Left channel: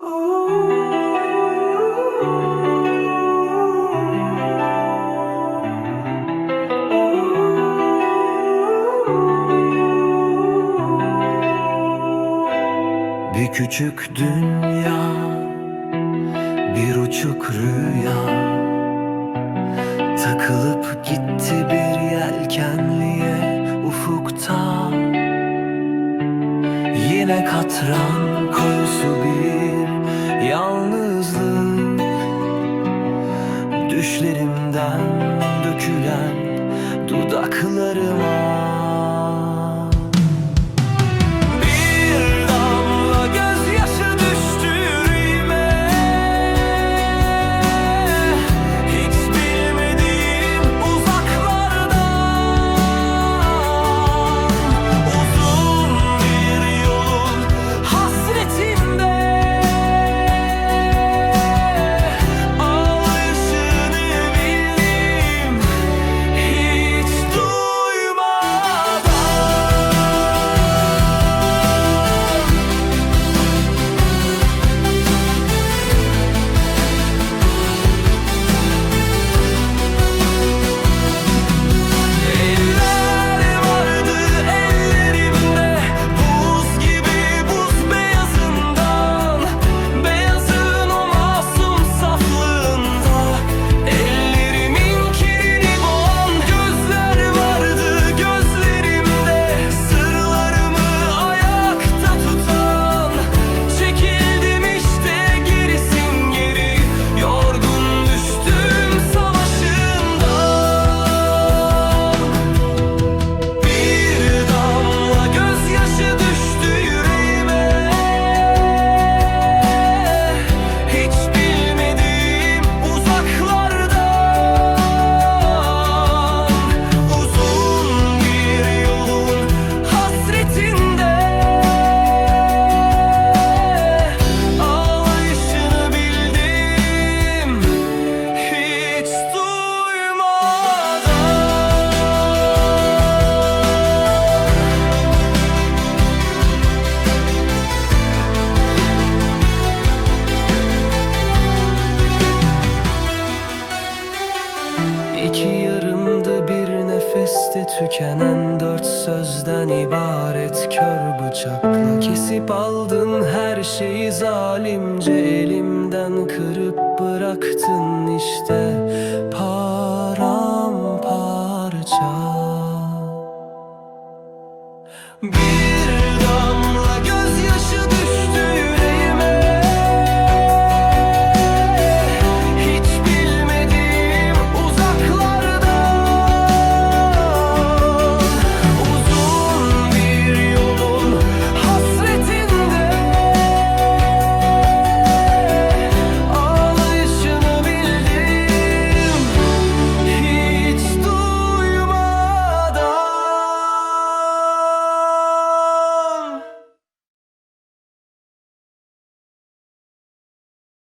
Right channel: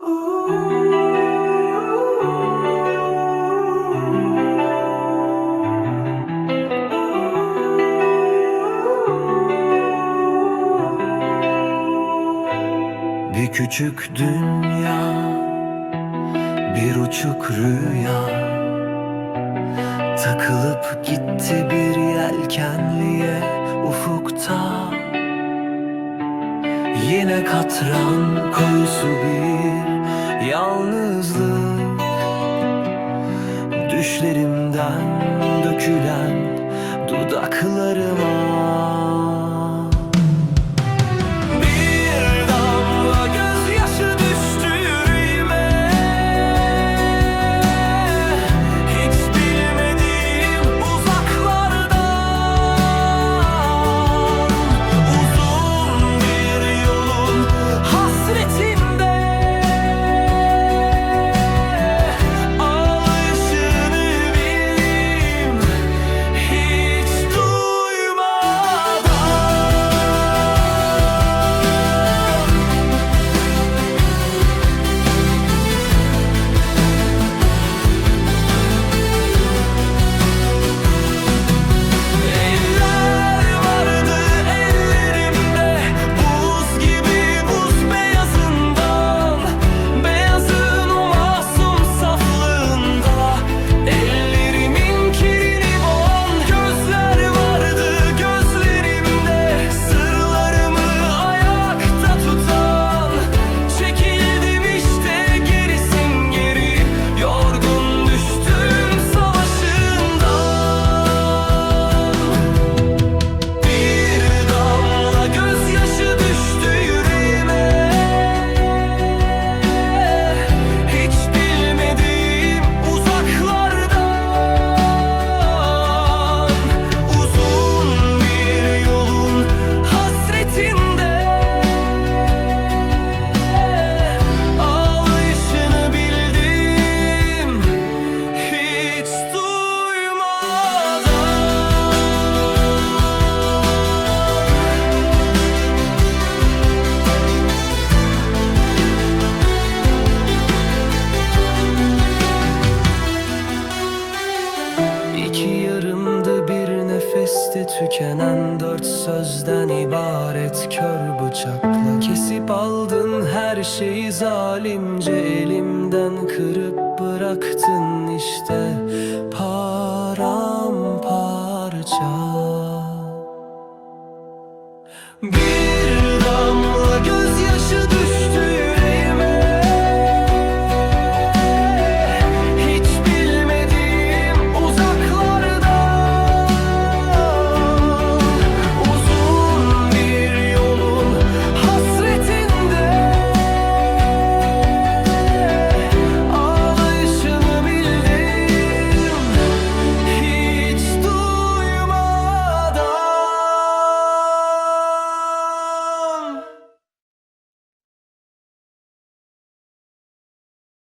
Bir küçük dünya Bir uçuk rüya. Takılıp gitti bir yelkenliye ufukta Yine katran koyusu bir yalnızlık. Düşlerimden dökülen dudaklarıma İki yarımdı bir nefeste tükenen dört sözden ibaret kör bıçakla. Kesip aldın her şeyi zalimce elimden kırıp bıraktın işte. Paramparça. Bir